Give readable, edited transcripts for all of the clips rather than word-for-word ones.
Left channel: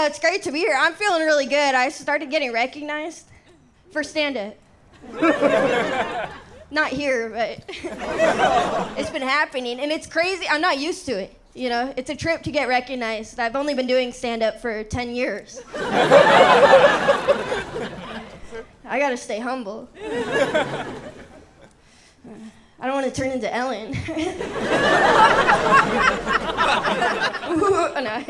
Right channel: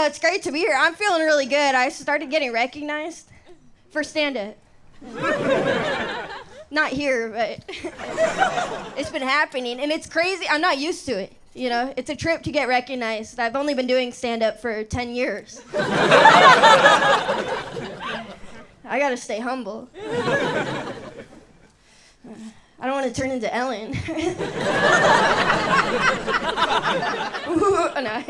know, it's great to be here. I'm feeling really good. I started getting recognized for stand-up. Not here, but it's been happening, and it's crazy. I'm not used to it, you know? It's a trip to get recognized. I've only been doing stand-up for 10 years. I gotta stay humble. I don't want to turn into Ellen. Ooh, no.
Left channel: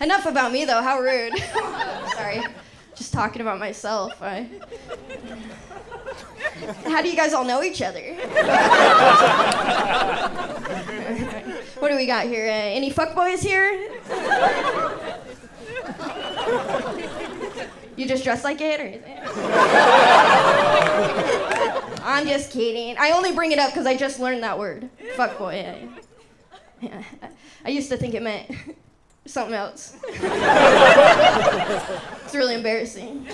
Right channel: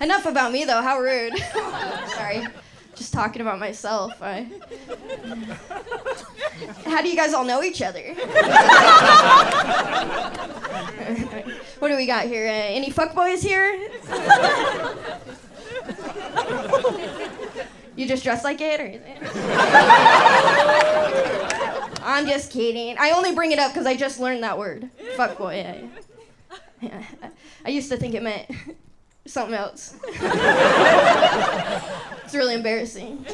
Enough about me, though. How rude. Sorry. Just talking about myself. How do you guys all know each other? What do we got here? Any fuckboys here? You just dress like it, or is it? I'm just kidding. I only bring it up because I just learned that word. Fuckboy. Yeah. I used to think it meant something else. It's really embarrassing.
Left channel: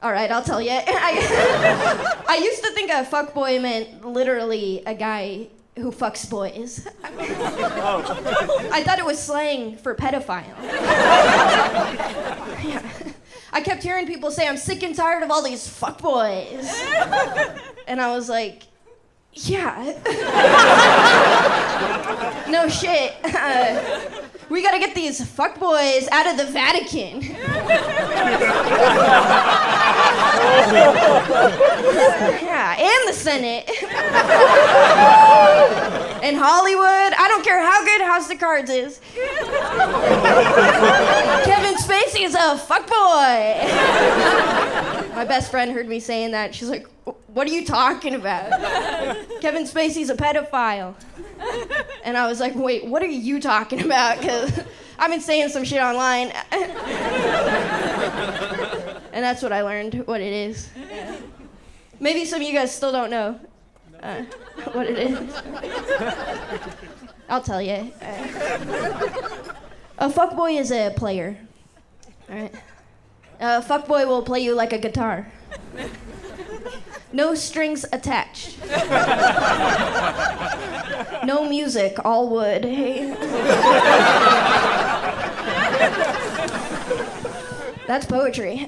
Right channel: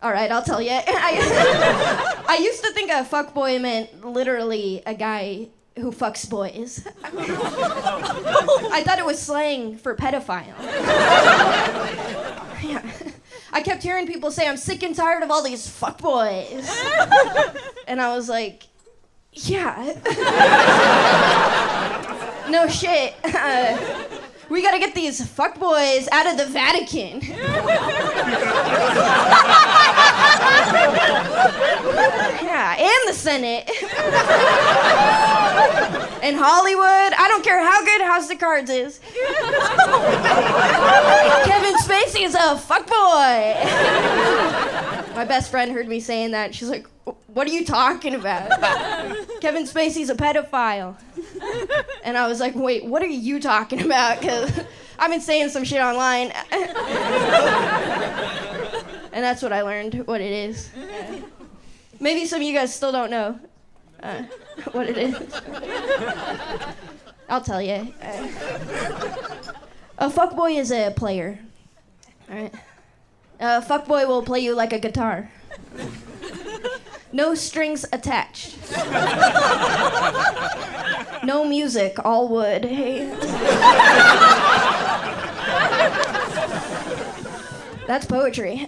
All right, I'll tell you. I used to think a fuckboy meant literally a guy who fucks boys. I thought it was slang for pedophile. Yeah. I kept hearing people say, I'm sick and tired of all these fuckboys. And I was like, yeah. No shit. We gotta get these fuckboys out of the Vatican. Yeah, and the Senate. And Hollywood. I don't care how good House of Cards is. Kevin Spacey is a fuckboy. My best friend heard me saying that. She's like, what are you talking about? Kevin Spacey's a pedophile. And I was like, wait, what are you talking about? Because I've been saying some shit online. And that's what I learned, what it is. Maybe some of you guys still don't know what it is. I'll tell you. A fuckboy is a player. All right. A fuckboy will play you like a guitar. No strings attached. No music, all wood. Hey. That's poetry.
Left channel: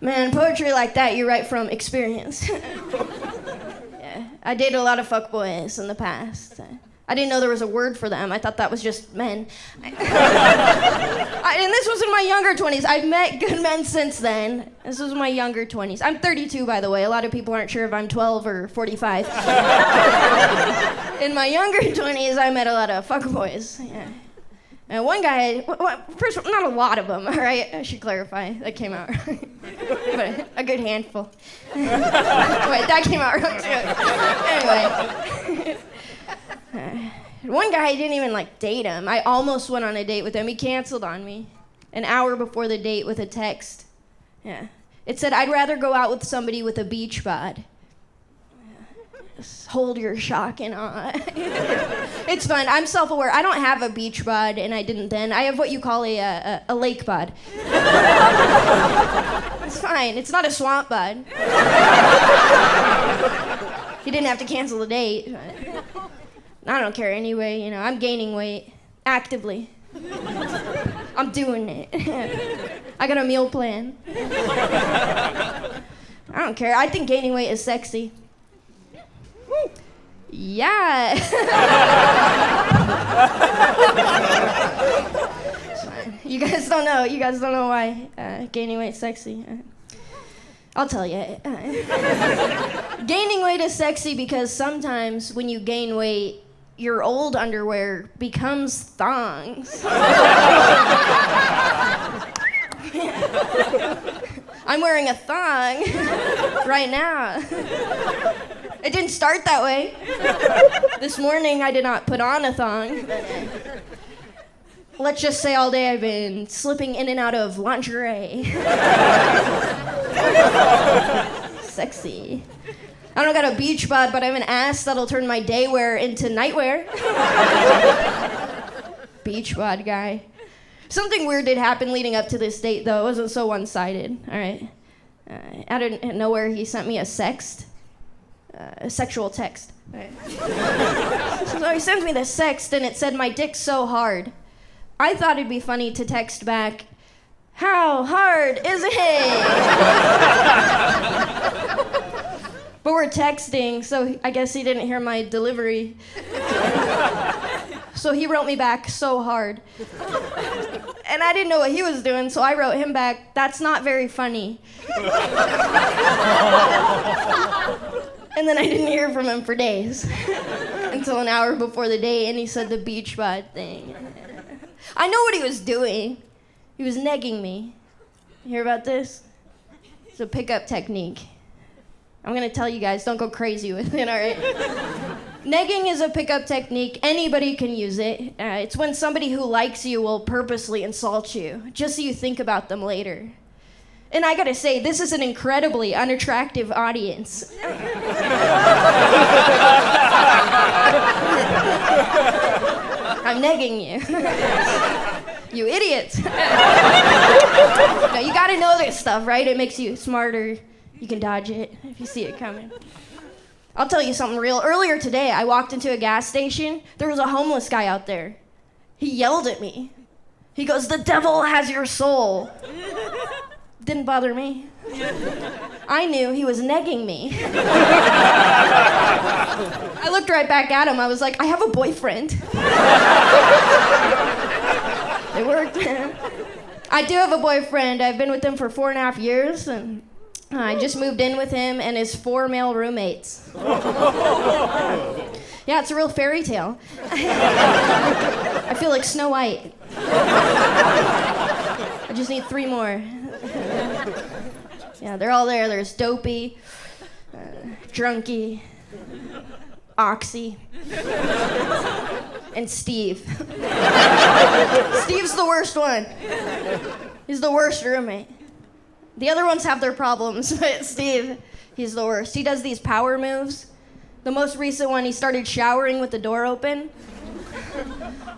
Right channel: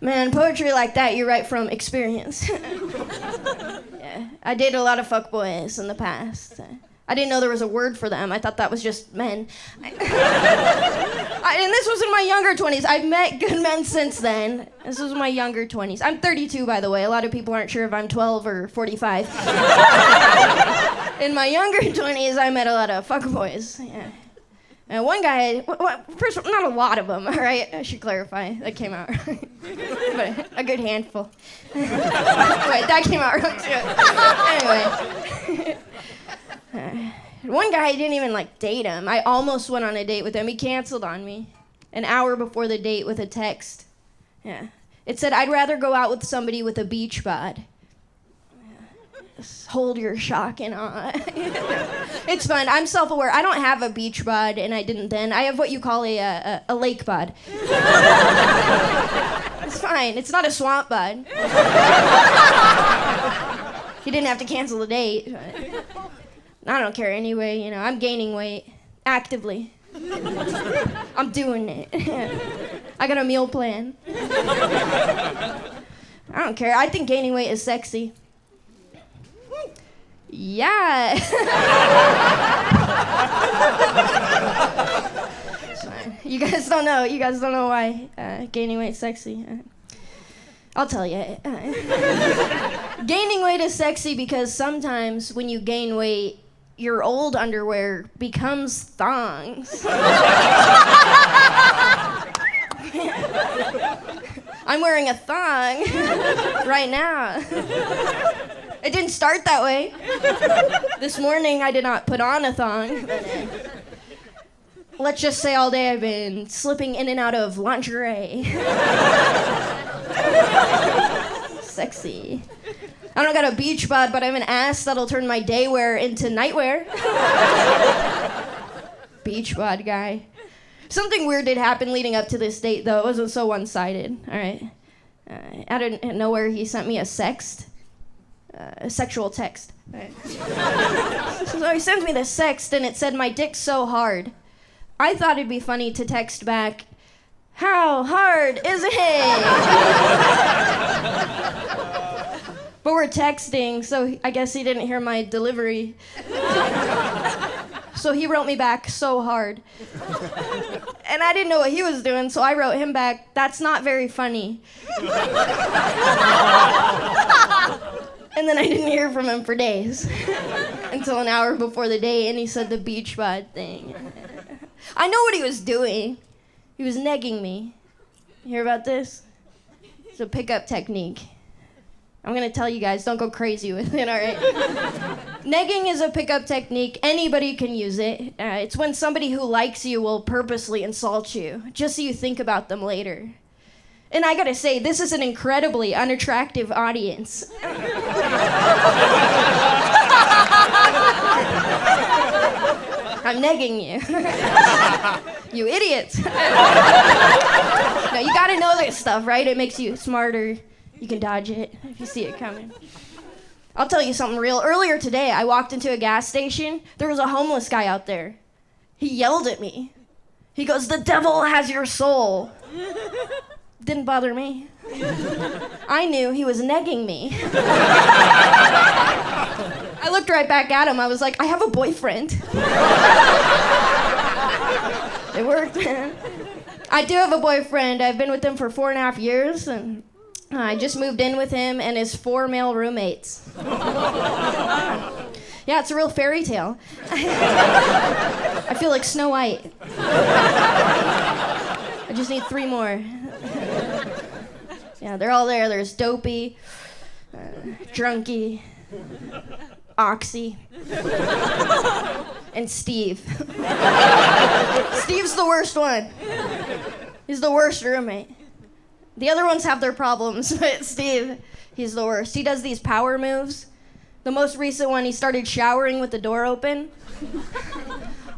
Man, poetry like that you write from experience. Yeah, I dated a lot of fuckboys in the past. I didn't know there was a word for them. I thought that was just men. And this was in my younger 20s. I've met good men since then. This was my younger 20s. I'm 32, by the way. A lot of people aren't sure if I'm 12 or 45. In my younger 20s, I met a lot of fuckboys. Yeah. And one guy, first, not a lot of them, all right? I should clarify. That came out right. But a good handful. Wait, that came out wrong, too. Anyway. One guy, I didn't even date him. I almost went on a date with him. He canceled on me an hour before the date with a text. Yeah. It said, I'd rather go out with somebody with a beach bod. Just hold your shock and awe. It's fun. I'm self-aware. I don't have a beach bod, and I didn't then. I have what you call a lake bod. It's fine. It's not a swamp bod. He didn't have to cancel the date. I don't care anyway, you know, I'm gaining weight, actively. I'm doing it. I got a meal plan. I don't care, I think gaining weight is sexy. Yeah. It's fine. You guys don't know why gaining weight's sexy. I'll tell you. Gaining weight is sexy because sometimes when you gain weight, your old underwear becomes thongs. I'm wearing a thong right now. It didn't start that way. This morning I did not put on a thong, but let's just say all day I've been slipping in and out of lingerie. Sexy. I don't got a beach bod, but I have an ass that'll turn my day wear into nightwear. Beach bod guy. Something weird did happen leading up to this date, though. It wasn't so one-sided, all right? Out of nowhere, he sent me a sexual text. Right. So So he sends me this text, and it said, "My dick's so hard." I thought it'd be funny to text back, "How hard is it?" But we're texting, so I guess he didn't hear my delivery. So he wrote me back, "So hard." And I didn't know what he was doing, so I wrote him back, "That's not very funny." And then I didn't hear from him for days. Until an hour before the date, and he said the beach bod thing. I know what he was doing. He was negging me. You hear about this? It's a pickup technique. I'm gonna tell you guys, don't go crazy with it, all right? Negging is a pickup technique. Anybody can use it. It's when somebody who likes you will purposely insult you, just so you think about them later. And I gotta say, this is an incredibly unattractive audience. I'm negging you. You idiots. No, you gotta know this stuff, right? It makes you smarter. You can dodge it if you see it coming. I'll tell you something real. Earlier today, I walked into a gas station. There was a homeless guy out there. He yelled at me. He goes, "The devil has your soul." Didn't bother me. I knew he was negging me. I looked right back at him. I was like, "I have a boyfriend." It worked. I do have a boyfriend. I've been with him for 4.5 years, and I just moved in with him and his 4 male roommates. Yeah, it's a real fairy tale. I feel like Snow White. I just need 3 more. Yeah, they're all there. There's Dopey, Drunky, Oxy, and Steve. Steve's the worst one. He's the worst roommate. The other ones have their problems, but Steve, he's the worst. He does these power moves. The most recent one, he started showering with the door open.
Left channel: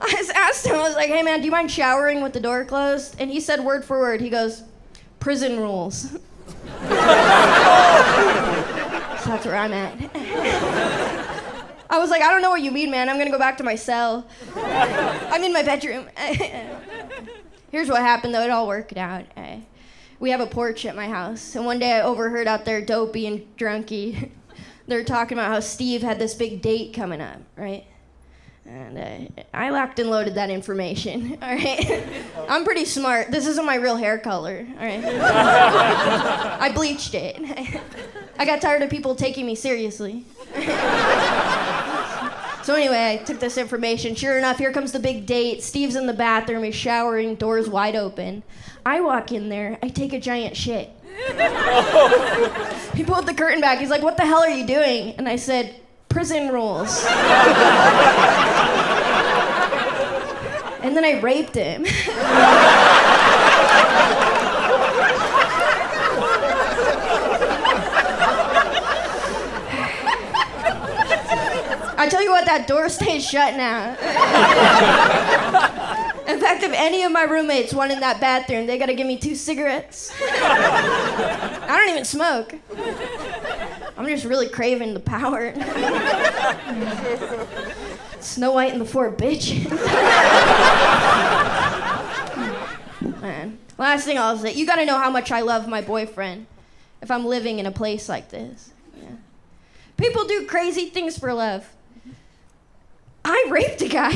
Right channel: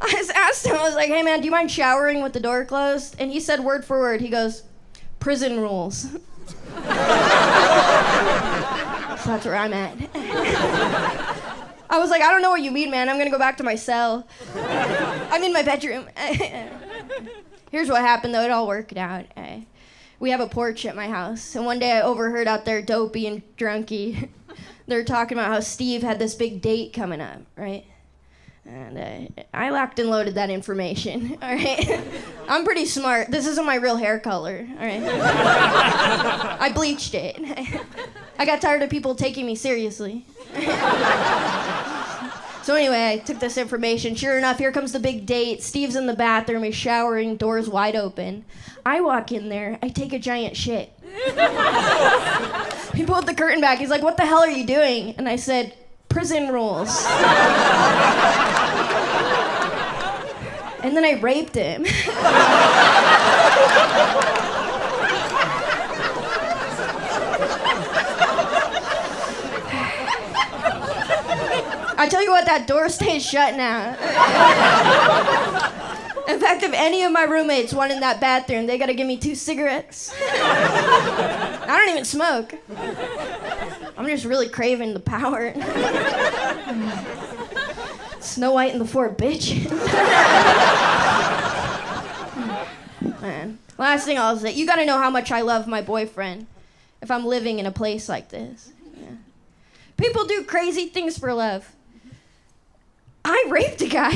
I just asked him, I was like, "Hey man, do you mind showering with the door closed?" And he said word for word, he goes, "Prison rules." So that's where I'm at. I was like, "I don't know what you mean, man. I'm gonna go back to my cell. I'm in my bedroom." Here's what happened, though. It all worked out. We have a porch at my house, and one day I overheard out there Dopey and Drunky. They're talking about how Steve had this big date coming up, right? And I locked and loaded that information, all right? I'm pretty smart. This isn't my real hair color, all right? I bleached it. I got tired of people taking me seriously. So anyway, I took this information. Sure enough, here comes the big date. Steve's in the bathroom, he's showering, doors wide open. I walk in there, I take a giant shit. He pulled the curtain back, he's like, "What the hell are you doing?" And I said, "Prison rules." And then I raped him. I tell you what, that door stays shut now. In fact, if any of my roommates want in that bathroom, they gotta give me 2 cigarettes. I don't even smoke. I'm just really craving the power. Snow White and the 4 bitches. Man. Last thing I'll say, you gotta know how much I love my boyfriend if I'm living in a place like this. Yeah. People do crazy things for love. I raped a guy.